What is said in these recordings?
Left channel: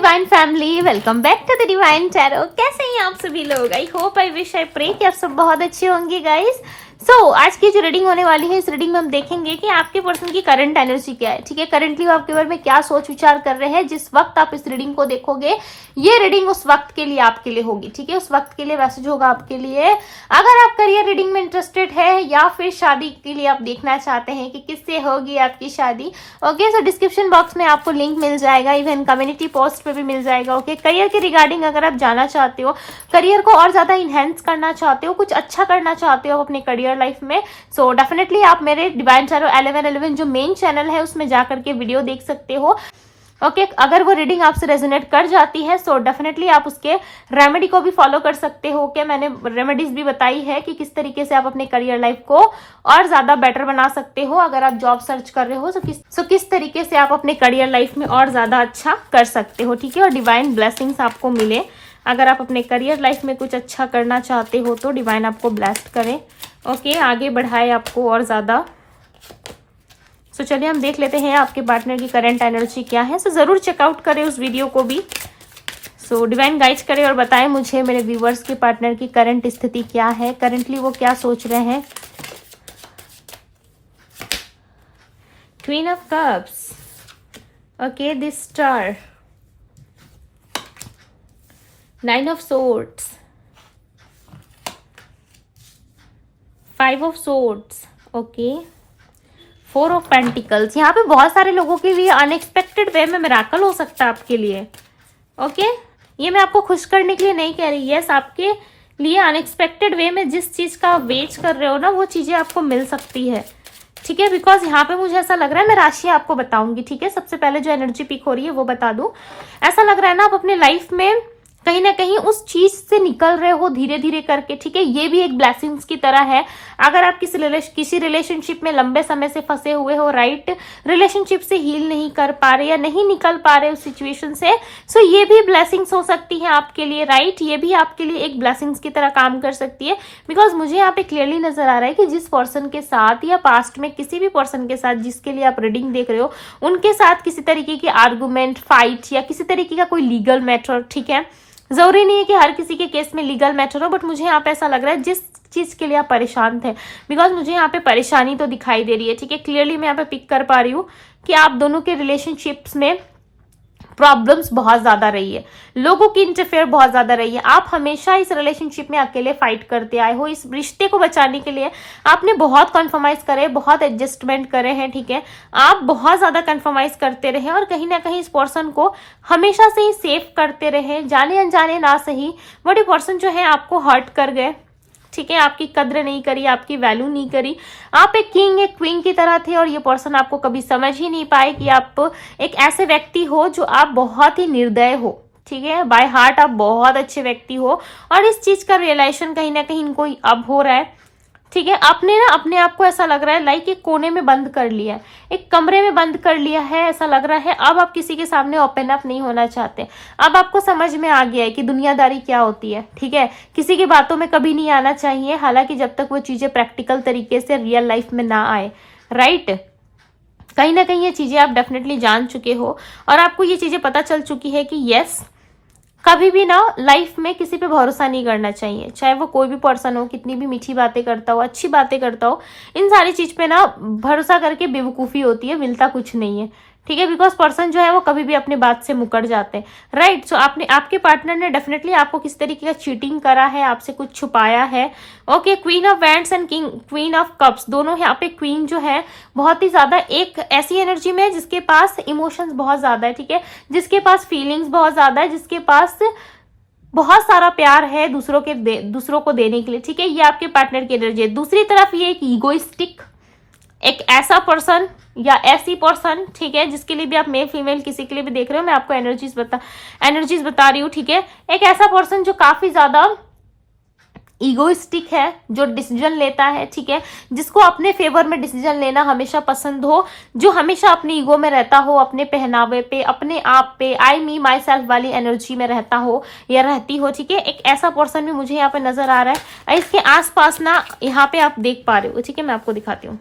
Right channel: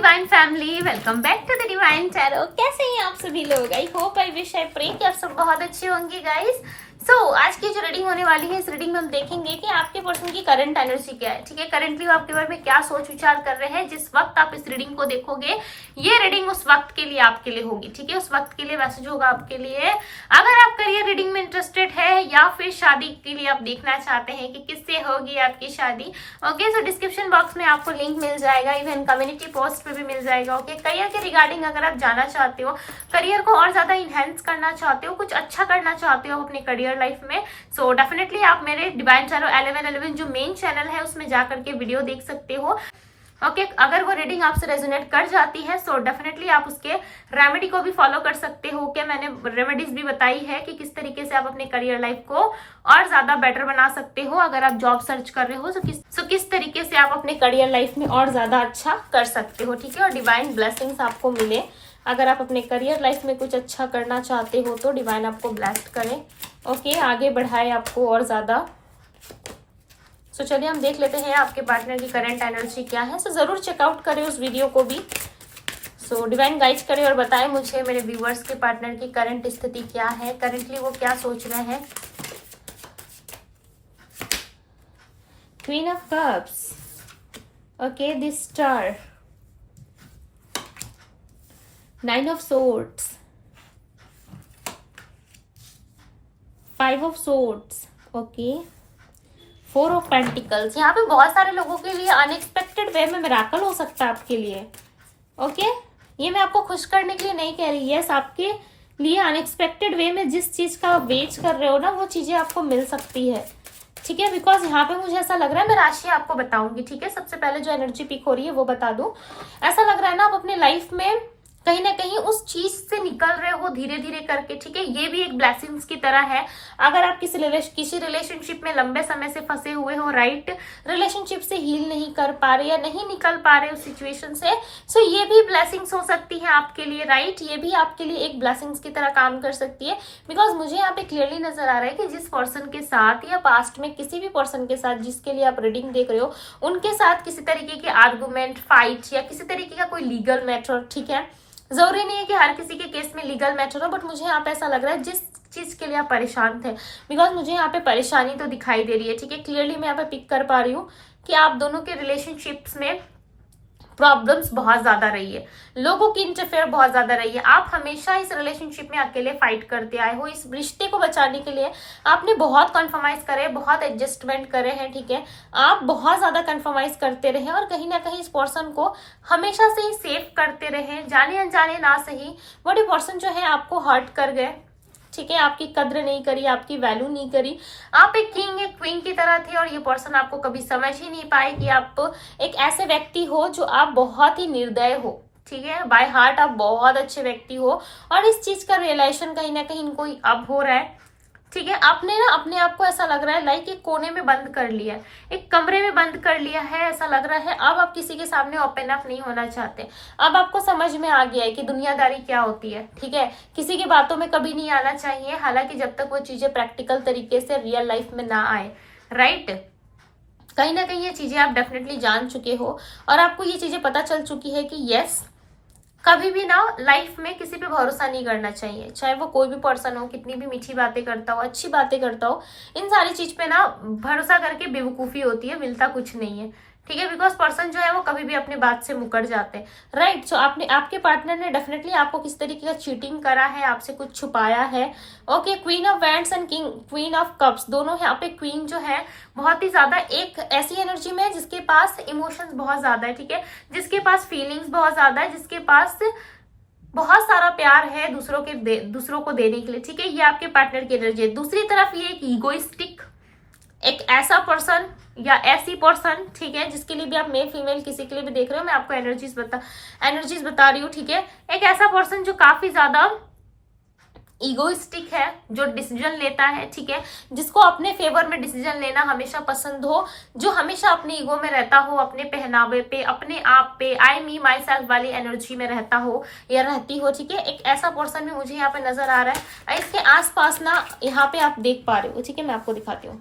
Divine family, welcome back to the divine tarot. कैसे हैं आप सभी लोग? I hope, I wish, I pray कि आप सब बहुत अच्छे होंगे गाइस। आज की जो रीडिंग होने वाली है, इस रीडिंग में हम देखेंगे कि आपके पर्सन की करंट एनर्जी क्या है। ठीक है, करंटली वो आपके बारे में क्या सोच विचार कर रहे हैं। जिस वक्त आप इस रीडिंग को देखोगे, ये रीडिंग उस वक्त के लिए आपके लिए होगी। ठीक है, उस वक्त के लिए मैसेज होगा आपके लिए। अगर आप करियर रीडिंग में इंटरेस्टेड है या फिर शादी के लिए आप देखना चाहते हैं कि किससे होगी आपकी शादी, ओके, सो डिस्क्रिप्शन बॉक्स में आपको लिंक मिल जाएगा, इवन कम्युनिटी पोस्ट पे भी मिल जाएगा। ओके, करियर के रिगार्डिंग अगर आप जाना चाहते हो, करियर को और ज्यादा इनहेंस करना चाहते हो, कुछ अच्छा करना चाहते हो अपने करियर लाइफ में, सो डेफिनेटली आप मेरे डिवाइन टैरो 1111 जो मेन चैनल है उसमें जाकर के वीडियो देख सकते हो। ओके, अगर वो रीडिंग आपसे रेजोनेट कर जाती है सो डेफिनेटली आप उसके रेमेडी को भी फॉलो कर सकते हो। ओके, मैंने रेमेडीज भी बताई है कि किस तरीके से आप अपने करियर लाइफ को और ज्यादा बेटर बना सकते हो। अगर आप जॉब सर्च कर रहे हो तो किस तरीके से आप अपने करियर लाइफ में और ज्यादा अच्छा कर सकते हो। ठीक है, और डिवाइन ब्लेसिंग्स आपको मिले। अगर आप अपने करियर लाइफ में कुछ अच्छा करना चाहते हो तो डिवाइन आपको ब्लेस्ड करे। ओके, आगे बढ़ाए आपको और ज्यादा। सो चलिए हम देख लेते हैं आपके पार्टनर की करंट एनर्जी क्या है। सो जरूर चेकआउट करें उस वीडियो को भी। सो डिवाइन गाइड करें और बताएं मुझे मेरे व्यूवर्स के पार्टनर की करंट स्थिति क्या है, करंटली वो क्या सोच रहे हैं। Queen of cups, okay, this star, nine of swords, five of swords, okay, four of pentacles. यहाँ पे बहुत सारे लोगों के लिए अनएक्सपेक्टेड वे में मिराकल हो सकता है आपके लिए। ओके, ये मैं आपको खुश करने के लिए नहीं कह रही। यस, आपके लिए अनएक्सपेक्टेड वे में जिस चीज का आप वेट कर रहे हो ना, वो चीजें आपको मिल सकती है। ठीक है, बिकॉज यहाँ पे मुझे ऐसा लग रहा है, मैं राशि आपको बताऊंगी। ठीक है, सबसे पहले जो एनर्जी पिक हो रही है वो बता दूं। ऐसा लग रहा है ना आप अपने लाइफ में कहीं ना कहीं उस चीज से निकल रहे हो धीरे धीरे करके। ठीक है, ये भी एक ब्लेसिंग्स की तरह है। अगर आप किसी रिलेशनशिप में लंबे समय से फंसे हुए हो, राइट, रिलेशनशिप से हील नहीं कर पा रहे या नहीं निकल पा रहे उस सिचुएशन से, सो ये भी ब्लेसिंग्स हो सकती है आपके लिए। राइट, ये भी आपके लिए एक ब्लेसिंग्स की तरह काम कर सकती है। बिकॉज मुझे यहाँ पे क्लियरली नजर आ रहा है कि जिस पर्सन के साथ या पास्ट में किसी भी पर्सन के साथ जिसके लिए आप रीडिंग देख रहे हो, उनके साथ किसी तरीके की आर्गुमेंट, फाइट या किसी तरीके का कोई लीगल मैटर। ठीक है, जरूरी नहीं है कि हर किसी के केस में लीगल मैटर हो, बट मुझे यहाँ पे ऐसा लग रहा है जिस चीज के लिए आप परेशान थे, बिकॉज मुझे यहाँ पे परेशानी तो दिखाई दे रही है। ठीक है, क्लियरली मैं यहाँ पे पिक कर पा रही हूँ कि आप दोनों के रिलेशनशिप्स में प्रॉब्लम्स बहुत ज्यादा रही है, लोगों की इंटरफेयर बहुत ज्यादा रही है। आप हमेशा इस रिलेशनशिप में अकेले फाइट करते आए हो। इस रिश्ते को बचाने के लिए आपने बहुत कॉन्फर्माइज करे, बहुत एडजस्टमेंट करे हैं। ठीक है, आप बहुत ज्यादा कॉन्फर्माइज करते रहे और कहीं ना कहीं इस पर्सन को हमेशा से ही सेव करते रहे, जाने अनजाने ना सही, बट ये पर्सन जो है आपको हर्ट कर गए। ठीक है, आपकी कद्र नहीं करी, आपकी वैल्यू नहीं करी। आप एक किंग, एक क्वीन की तरह थे और ये पर्सन आपको कभी समझ ही नहीं पाए कि आप एक ऐसे व्यक्ति हो जो आप बहुत ही निर्दय हो। ठीक है, बाय हार्ट आप बहुत अच्छे व्यक्ति हो और इस चीज का रियलाइजेशन कहीं ना कहीं इनको अब हो रहा है। ठीक है, आपने ना अपने आप को ऐसा लग रहा है लाइक एक कोने में बंद कर लिया है, एक कमरे में बंद कर लिया है, ऐसा लग रहा है। अब आप किसी के सामने ओपन अप नहीं होना चाहते। अब आपको समझ में आ गया है कि दुनियादारी क्या होती है। ठीक है, किसी की बातों में कभी नहीं आना चाहिए, हालांकि जब तक वो चीजें प्रैक्टिकल तरीके से रियल लाइफ में ना आए। राइट, कहीं ना कहीं ये चीजें आप डेफिनेटली जान चुके हो और आपको ये चीजें पता चल चुकी है कि यस, कभी भी ना लाइफ में किसी पे भरोसा नहीं करना चाहिए, चाहे वो कोई भी पर्सन हो, कितनी भी मीठी बातें करता हो, अच्छी बातें करता हो, इन सारी चीज पे ना भरोसा करके बेवकूफी होती है, मिलता कुछ नहीं है। ठीक है, बिकॉज पर्सन जो है वो कभी भी अपनी बात से मुकर जाते हैं। राइट, सो आपके पार्टनर ने डेफिनेटली आपको किस तरीके का चीटिंग करा है, आपसे कुछ छुपाया है। Okay, queen of wands and queen of cups, दोनों यहाँ पे क्वीन जो है बहुत ही ज्यादा एक ऐसी एनर्जी में है जिसके पास इमोशंस बहुत ज्यादा है। ठीक है, जिसके पास फीलिंग्स बहुत ज्यादा है, जिसके पास बहुत सारा प्यार है दूसरों को देने के लिए। ठीक है, ये आपके पार्टनर की एनर्जी है। दूसरी तरफ ये एक ईगोइस्टिक, एक ऐसा पर्सन या ऐसी पर्सन, ठीक है, जिसके लिए भी आप मेल फीमेल किसी के लिए भी देख रहे हो, मैं आपको एनर्जीज बता रही हूँ। ठीक है, एक ऐसा पर्सन जो काफी ज्यादा ईगोइस्टिक है, जो डिसीजन लेता है। ठीक है, जिसको अपने फेवर में डिसीजन लेना हमेशा पसंद हो, जो हमेशा अपनी ईगो में रहता हो, अपने पहनावे पे, अपने आप पे, आई मी माई सेल्फ वाली एनर्जी में रहता हो या रहती हो। ठीक है, एक ऐसा पर्सन भी मुझे यहाँ पे नजर आ रहा है। इसके आसपास ना यहाँ पे आप देख पा रहे हो। ठीक है, मैं आपको दिखाती हूँ।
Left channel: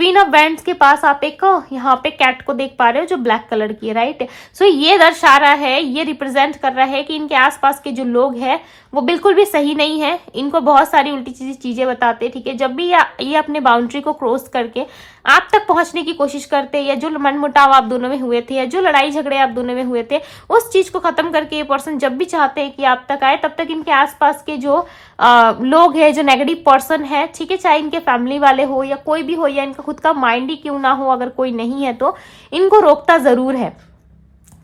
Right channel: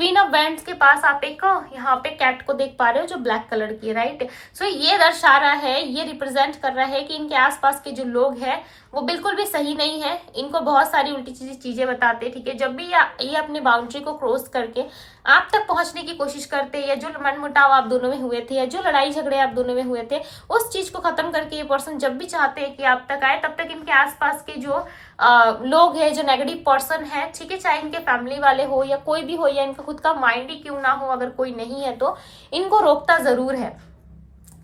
क्वीन ऑफ बैंड्स के पास आप एक यहाँ पे कैट को देख पा रहे हो जो ब्लैक कलर की है, राइट। सो ये दर्शा रहा है, ये रिप्रेजेंट कर रहा है कि इनके आसपास के जो लोग हैं वो बिल्कुल भी सही नहीं है, इनको बहुत सारी उल्टी चीजें बताते हैं, ठीक है। जब भी ये अपने बाउंड्री को क्रॉस करके आप तक पहुंचने की कोशिश करते हैं, या जो मनमुटाव आप दोनों में हुए थे, या जो लड़ाई झगड़े आप दोनों में हुए थे, उस चीज को खत्म करके ये पर्सन जब भी चाहते हैं कि आप तक आए, तब तक इनके आसपास के जो लोग हैं, जो नेगेटिव पर्सन है, ठीक है, चाहे इनके फैमिली वाले हो या कोई भी हो, या इनका खुद का माइंड ही क्यों ना हो, अगर कोई नहीं है तो इनको रोकता जरूर है,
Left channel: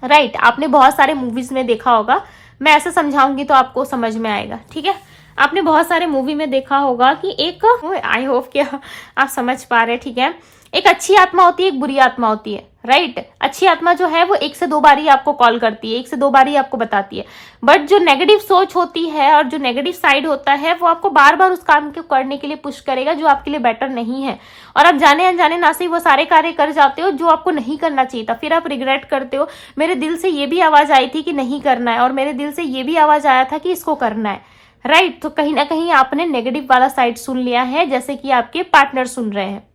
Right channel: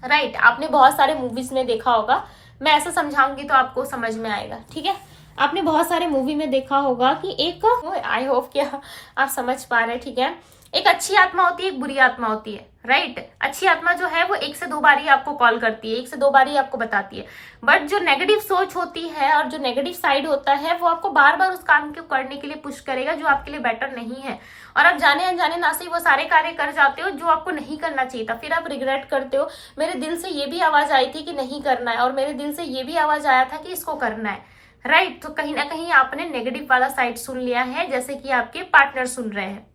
राइट। आपने बहुत सारे मूवीज में देखा होगा, मैं ऐसे समझाऊंगी तो आपको समझ में आएगा, ठीक है। आपने बहुत सारे मूवी में देखा होगा कि एक, आई होप कि आप समझ पा रहे हैं, ठीक है। एक अच्छी आत्मा होती है, एक बुरी आत्मा होती है, राइट। अच्छी आत्मा जो है वो 1 से 2 बार ही आपको कॉल करती है, 1 से 2 बार ही आपको बताती है, बट जो नेगेटिव सोच होती है और जो नेगेटिव साइड होता है वो आपको बार बार उस काम को करने के लिए पुश करेगा जो आपके लिए बेटर नहीं है, और आप जाने अनजाने ना से वो सारे कार्य कर जाते हो जो आपको नहीं करना चाहिए था। फिर आप रिग्रेट करते हो, मेरे दिल से ये भी आवाज आई थी कि नहीं करना है, और मेरे दिल से ये भी आवाज आया था कि इसको करना है, राइट। तो कहीं ना कहीं आपने नेगेटिव वाला साइड सुन लिया है, जैसे कि आपके पार्टनर सुन रहे हैं,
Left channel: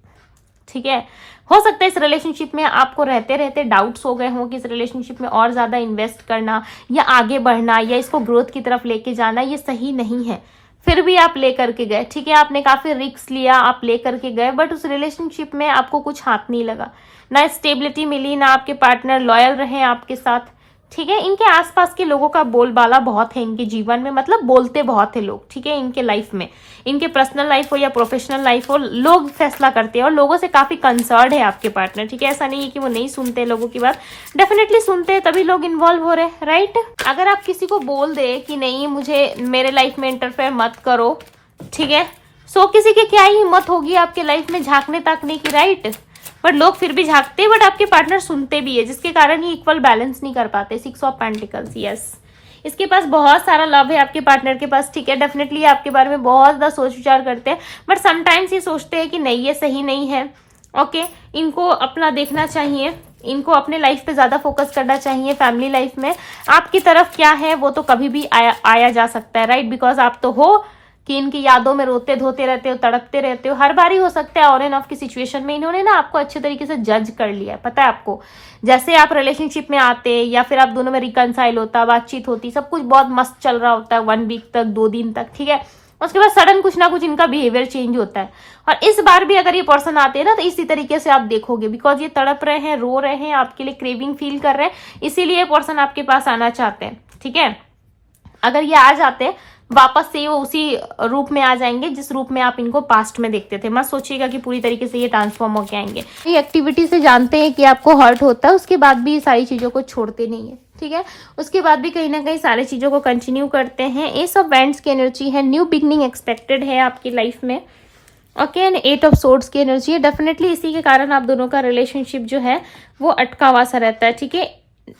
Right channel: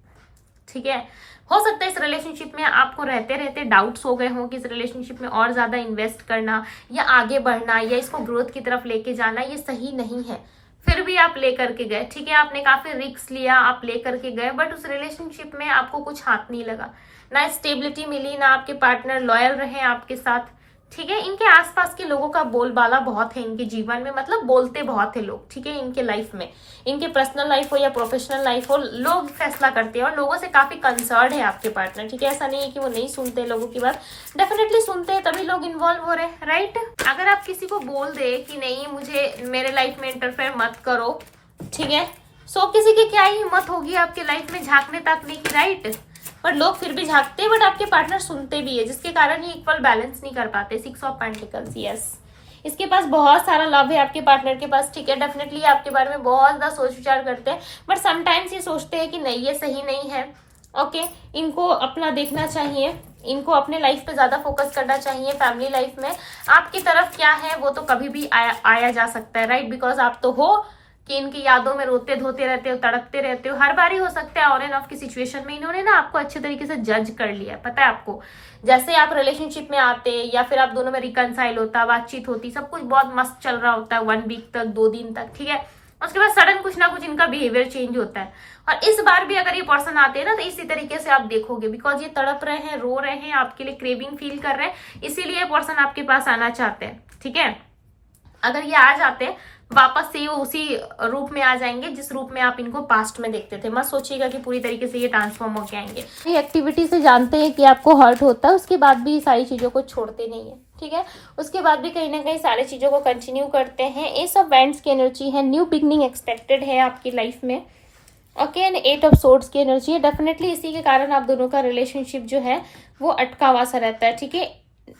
ठीक है। हो सकता है इस रिलेशनशिप में आपको रहते रहते डाउट्स हो गए हों कि इस रिलेशनशिप में और ज्यादा इन्वेस्ट करना या आगे बढ़ना या इसको ग्रोथ की तरफ लेके जाना ये सही नहीं है, फिर भी आप ले करके गए, ठीक है। आपने काफी रिस्क लिया, आप ले करके गए, बट उस रिलेशनशिप में आपको कुछ हाथ नहीं लगा, ना स्टेबिलिटी मिली, ना आपके पार्टनर लॉयल रहे आपके साथ, ठीक है। इनके आसपास के लोगों का बोलबाला बहुत है इनके जीवन में, मतलब बोलते बहुत है लोग, ठीक है। इनके लाइफ में, इनके पर्सनल लाइफ हो या प्रोफेशनल लाइफ हो, लोग फैसला करते हैं और लोगों से काफी कंसर्न है आपके पार्टनर, ठीक है। ऐसा नहीं है कि वो नहीं सुनते लोगों की बात, डेफिनेटली सुनते हैं, तभी लोग इन्वॉल्व हो रहे हैं, राइट। अगर आप किसी को बोल दे कि नहीं मुझे मेरे लाइफ में इंटरफेयर मत करो, ठीक है, सो किसी की क्या ही हिम्मत होगी आपके लाइफ में झांकने ताकने की, राइट। बट लोग फिर भी झांकते हैं, बट आपके पार्टनर सुनते भी है, जिसके कारण ही इक्वल बैलेंस नहीं कर पाते। 6 ऑफ पेंटिकल्स, यस, इसके पास बहुत सारा लव है आपके पार्टनर के पास, ठीक है। डेफिनेटली आपके बारे में बहुत ज्यादा सोच विचार करते हैं, बट समटाइम्स ये सोचते हैं कि नहीं ये सही नहीं है, ओके। इनको अपना देखना चाहिए, इनको अपने लाइफ पे ज्यादा फोकस करना चाहिए, फैमिली लाइफ में आपकी तरफ क्या है वो तो कभी भी आया जा सकता है, राइट। बिकॉज आप तो हो कि इनकी यादों में रोते धोते रहते हो, तड़पते रहते हो, हर बार ही हो सकता है ऑन एंड ऑफ की सिचुएशन में इन्होंने ना आपको अच्छे तरीके से जज कर लिया है, पता है आपको। जैसे आप रिलेशनशिप में आते या फिर आप दोनों में रिकनसाइल होता, बातचीत होती, सब कुछ बहुत मस्त चल रहा होता है 1 वीक तक, 2 दिन तक, ठीक है। उसके बाद सडन कुछ ना कुछ इनका बिहेवियर चेंज होता है, और इस बार भी अगर ये पर्सन आते हैं ना तो इसी तरीके से आप देखोगे, बिकॉज ये तड़प रहे हैं, रो रहे हैं, आपके लिए क्रेविंग फील कर रहे हैं, इसीलिए ये पर्सन आपके पास आना चाहते हैं, ठीक है। अगर ये आ जाते हैं वापस से वो उसी रूप में आ जाएंगे जिस रूप में आप इनको पास्ट में देखते थे। मत सोचिएगा कि पूरी तरीके से ये ट्रांसफॉर्म होके आएंगे। ये एक्टिविटी से जानते हैं कि आपको हर्ट होता है, उसके बाद भी सारी चीजों को छोड़ते नहीं है, ठीक है। उसके बाद भी कहीं ना कहीं सारी चीजों को कंटिन्यू करते हैं। एस ऑफ वैंड्स की एनर्जी है, न्यू बिगनिंग एक्सपेक्टेड है आपकी लाइफ में, ओके। एंड 8 ऑफ सोर्ड्स की एनर्जी है, डेफिनेटली इसी के कारण आप दोनों का रिलेशनशिप जो है वो अटका हुआ सा रहता है, ठीक है।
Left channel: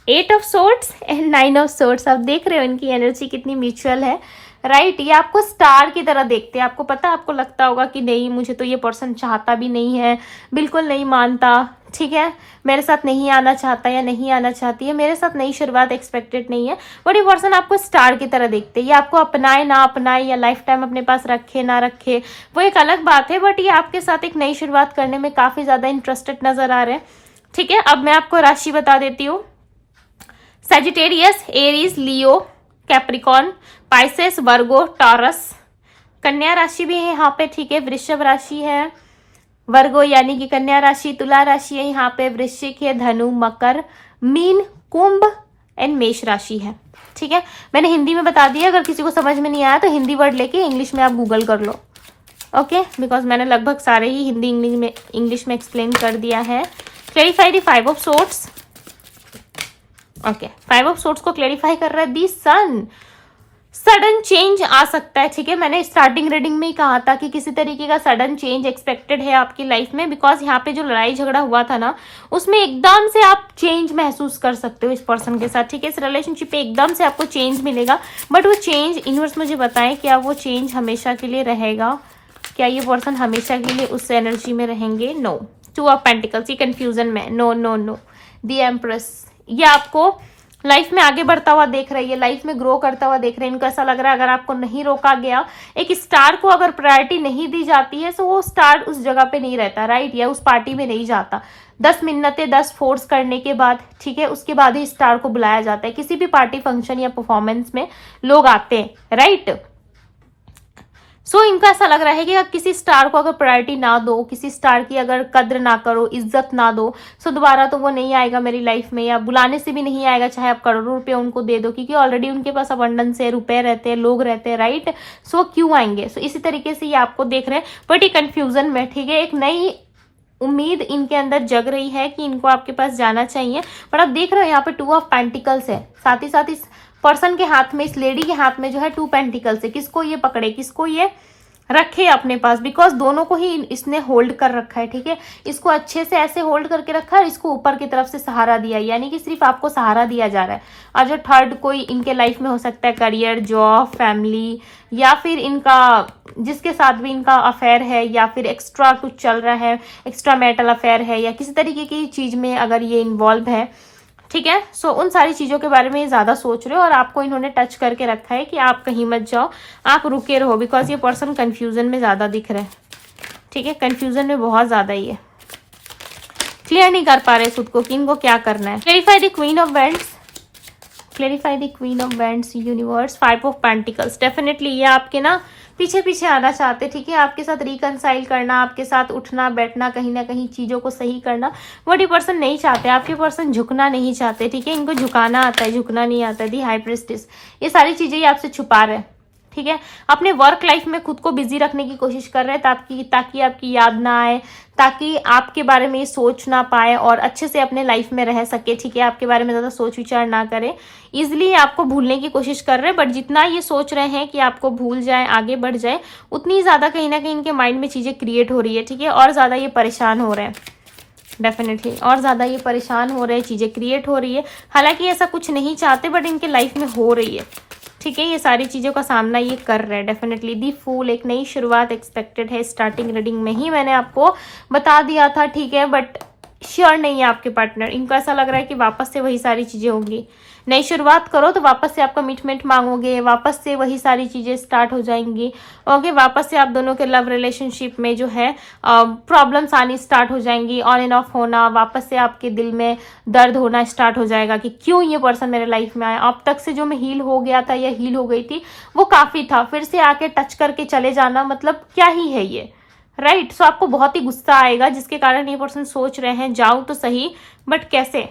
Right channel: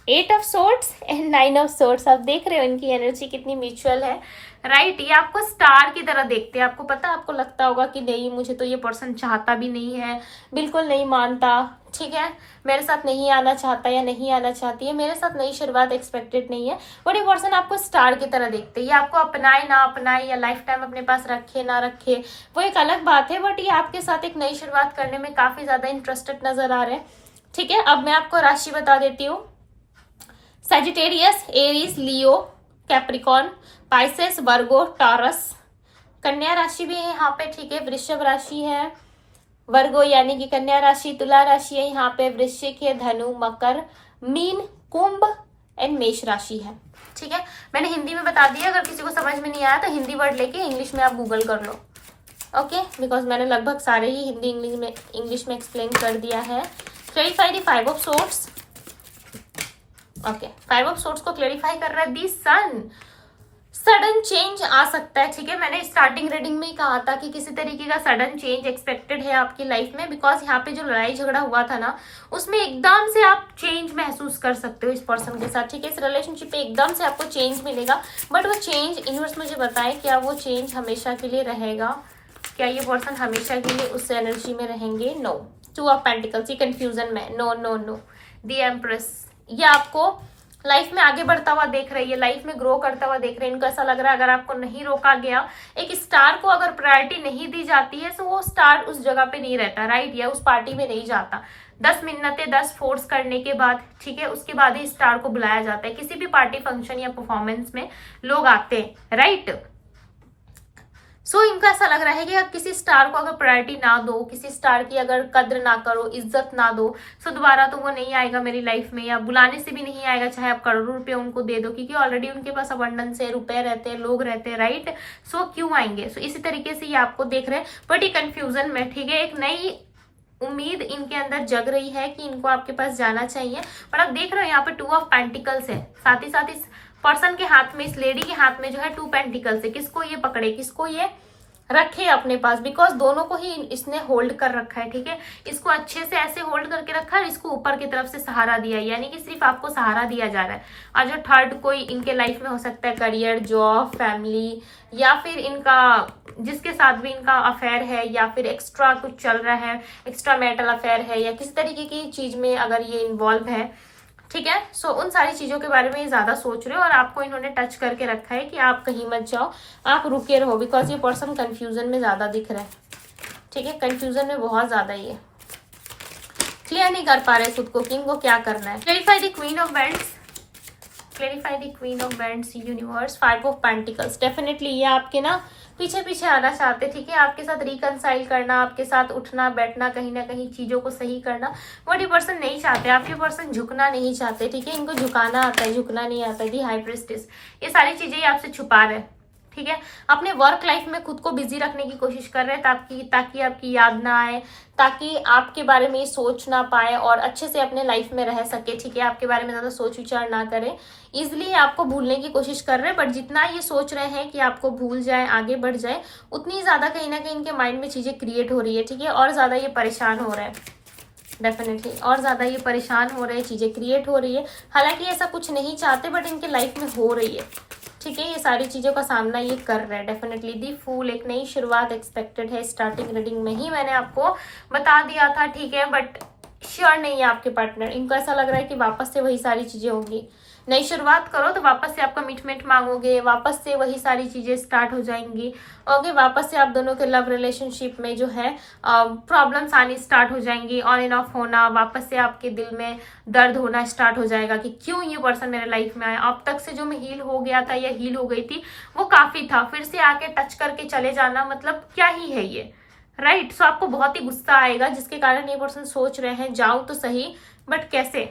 8 of swords and 9 of swords, आप देख रहे हो इनकी एनर्जी कितनी म्यूचुअल है, राइट। ये आपको स्टार की तरह देखते हैं, आपको पता, आपको लगता होगा कि नहीं मुझे तो ये पर्सन चाहता भी नहीं है, बिल्कुल नहीं मानता, ठीक है, मेरे साथ नहीं आना चाहता या नहीं आना चाहती है, मेरे साथ नई शुरुआत एक्सपेक्टेड नहीं है, बट ये पर्सन आपको स्टार की तरह देखते हैं। ये आपको अपनाए ना अपनाए या लाइफ टाइम अपने पास रखे ना रखे वो एक अलग बात है, बट ये आपके साथ एक नई शुरुआत करने में काफी ज्यादा इंटरेस्टेड नजर आ रहे हैं, ठीक है। अब मैं आपको राशि बता देती हूँ। सैजिटेरियस, एरीज, लियो, कैप्रिकॉर्न, पाइसेस, वर्गो, टॉरस, कन्या राशि भी है यहाँ पे, ठीक है। वृषभ राशि है, वर्गो यानी कि कन्या राशि, तुला राशि है यहाँ पे, वृश्चिक है, धनु, मकर, मीन, कुंभ एंड मेष राशि है, ठीक है। मैंने हिंदी में बता दिया, अगर किसी को समझ में नहीं आया तो हिंदी वर्ड लेके इंग्लिश में आप गूगल कर लो, ओके। बिकॉज मैंने लगभग सारे ही हिंदी इंग्लिश में एक्सप्लेन कर दिया है। Clarify the 5 of swords, okay. 5 of swords को क्लेरिफाई कर रहा है दी सन। सडन चेंज आ सकता है, ठीक है। मैंने स्टार्टिंग रीडिंग में ही कहा था कि किसी तरीके का सडन चेंज एक्सपेक्टेड है आपकी लाइफ में, बिकॉज यहाँ पे जो लड़ाई झगड़ा हुआ था ना उसमें एकदम से आप चेंज महसूस कर सकते हो इस पर्सन के साथ, ठीक है। इस रिलेशनशिप पे एकदम से आपको चेंज मिलेगा, बट वो चेंज यूनिवर्स मुझे बताएं क्या वो चेंज हमेशा के लिए रहेगा, क्या ये पर्सन हमेशा के लिए उस एनर्जी में रहेंगे? नो। 2 ऑफ पेंटिकल्स, ये कंफ्यूजन में, no no no. The empress, ये आपको लाइफ में आगे बढ़ता हुआ देख रही है, लाइफ में ग्रो करता हुआ देख रहे हैं। इनको ऐसा लग रहा है अगर आपको नहीं रोका गया, एक स्टार को अगर प्रायोरिटी नहीं दी जाती है तो वो स्टार उस जगह पे नहीं रहता, राइट, या उस पार्टी में नहीं जाता। 10 मिन्नतें 10 फोर्स करने के बाद, ठीक है, उसके बाद ही स्टार को बुलाया जाता है। किसी भी पार्टी फंक्शन या परफॉर्मेंस में लोग आते हैं, राइट। सो इनको ऐसा लग रहा है कि अगर किसी स्टार को अगर प्रायोरिटी ना दो, किसी स्टार की अगर कद्र ना करो, इज्जत ना दो, सो दोबारा तो वो नहीं आएगा मेरी लाइफ में, या बुलाने से भी नहीं आएगा चाहे आप करोड़ों रुपए उनको दे दो, क्योंकि ऑलरेडी उनके पास अबंडेंस है, रुपए रहते हैं, लोग रहते हैं, राइट। सो क्यों आएंगे। सो इसी तरीके से ये आपको देख रहे हैं, बट ये कंफ्यूजन में, ठीक है, एक नई उम्मीद इनके अंदर जग रही है कि इनको आपके पास जाना चाहिए। पर आप देख रहे हो यहाँ पे 2 ऑफ पेंटिकल्स है, साथ ही साथ इस पर्सन के हाथ में, इस लेडी के हाथ में जो है 2 पेंटिकल्स है। किसको ये पकड़े, किसको ये रखे अपने पास, बिकॉज दोनों को ही इसने होल्ड कर रखा है, ठीक है। इसको अच्छे से ऐसे होल्ड करके रखा है, इसको ऊपर की तरफ से सहारा दिया, यानी कि सिर्फ आपको सहारा दिया जा रहा है। और जो थर्ड कोई इनके लाइफ में हो सकता है, करियर, जॉब, फैमिली, या फिर इनका जिसके साथ भी इनका अफेयर है, या फिर एक्स्ट्रा कुछ चल रहा है, एक्स्ट्रा मैरिटल अफेयर है, या किसी तरीके की चीज में अगर ये इन्वॉल्व है, ठीक है। सो उन सारी चीजों के बारे में ये ज्यादा सोच रहे हो, और आपको इन्होंने टच करके रखा है कि आप कहीं मत जाओ, आप रुके रहो, बिकॉज ये पर्सन कंफ्यूजन में ज्यादा दिख रहा है, ठीक है, कंफ्यूजन में बहुत ज्यादा ही है, क्लियर नहीं कर पा रहे खुद को कि इनको क्या करना है। Clarify the queen of vends, clarify the queen of vends, universe, 5 of pentacles. Definitely ये आपके ना पीछे पीछे आना चाहते, ठीक है, आपके साथ रिकनसाइल करना, आपके साथ उठना बैठना, कहीं ना कहीं चीजों को सही करना, वो ये पर्सन नहीं चाहते। आपके पर्सन झुकना नहीं चाहते, ठीक है, इनको झुकाना आता है, झुकना नहीं आता है। दी हाई प्रीस्टेस, ये सारी चीजें ये आपसे छुपा रहे हैं, ठीक है। अपने वर्क लाइफ में खुद को बिजी रखने की कोशिश कर रहे हैं ताकि आपकी याद ना आए, ताकि आपके बारे में ये सोच ना पाए और अच्छे से अपने लाइफ में रह सके, ठीक है, आपके बारे में ज्यादा सोच विचार ना करे। इजिली आपको भूलने की कोशिश कर रहे हैं, बट जितना ये सोच रहे हैं कि आपको भूल जाए, आगे बढ़ जाए, उतनी ज्यादा कहीं ना कहीं इनके माइंड में चीजें क्रिएट हो रही है, ठीक है, और ज्यादा ये परेशान हो रहे हैं, डेफिनेटली और ज्यादा ये परेशान हो रहे हैं, चीजें क्रिएट हो रही है। हालांकि ऐसा कुछ नहीं चाहते, बट इनके लाइफ में हो रही है, ठीक है, ये सारी चीजों का सामना ये कर रहे हैं। डेफिनेटली दी फूल, एक नई शुरुआत एक्सपेक्टेड है। स्टार्टिंग रीडिंग में ही मैंने आपको बता दिया था, ठीक है, बट श्योर नहीं है आपके पार्टनर। इनको ऐसा लग रहा है कि वापस से वही सारी चीजें होंगी। नई शुरुआत करो तो वापस से आप कमिटमेंट मांगोगे, वापस से वही सारी चीजें स्टार्ट हो जाएंगी, ओके। वापस से आप दोनों के लव रिलेशनशिप में जो है प्रॉब्लम्स आनी स्टार्ट हो जाएंगी, ऑन एंड ऑफ होना, वापस से आपके दिल में दर्द होना स्टार्ट हो जाएगा कि क्यों ये पर्सन मेरे लाइफ में आया। अब तक से जो मैं हील हो गया था या हील हो गई थी वो काफी था, फिर से आके टच करके चले जाना मतलब क्या ही है ये, राइट। सो आपको बहुत ही गुस्सा आएगा, जिसके कारण ये पर्सन सोच रहे हैं जाऊं तो सही, बट कैसे,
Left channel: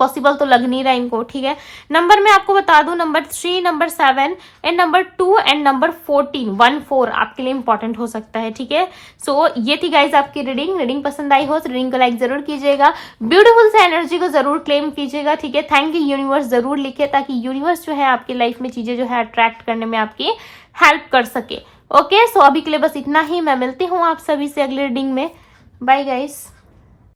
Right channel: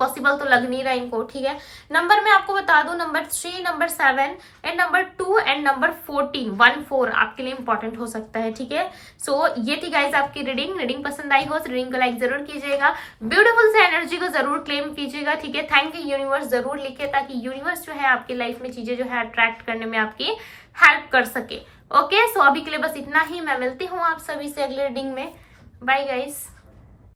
पॉसिबल तो लग नहीं रहा इनको, ठीक है। नंबर मैं आपको बता दूं, number 3, number 7 and number 2 and number 14 आपके लिए इंपॉर्टेंट हो सकता है, ठीक है। सो ये थी गाइज आपकी रीडिंग पसंद आई हो तो रीडिंग को लाइक जरूर कीजिएगा, ब्यूटीफुल से एनर्जी को जरूर क्लेम कीजिएगा, ठीक है। थैंक यू यूनिवर्स जरूर लिखे, ताकि यूनिवर्स जो है आपकी लाइफ में चीजें जो है अट्रैक्ट करने में आपकी हेल्प कर सके, ओके। सो अभी के लिए बस इतना ही, मैं मिलती हूँ आप सभी से अगली रीडिंग में, बाय गाइस।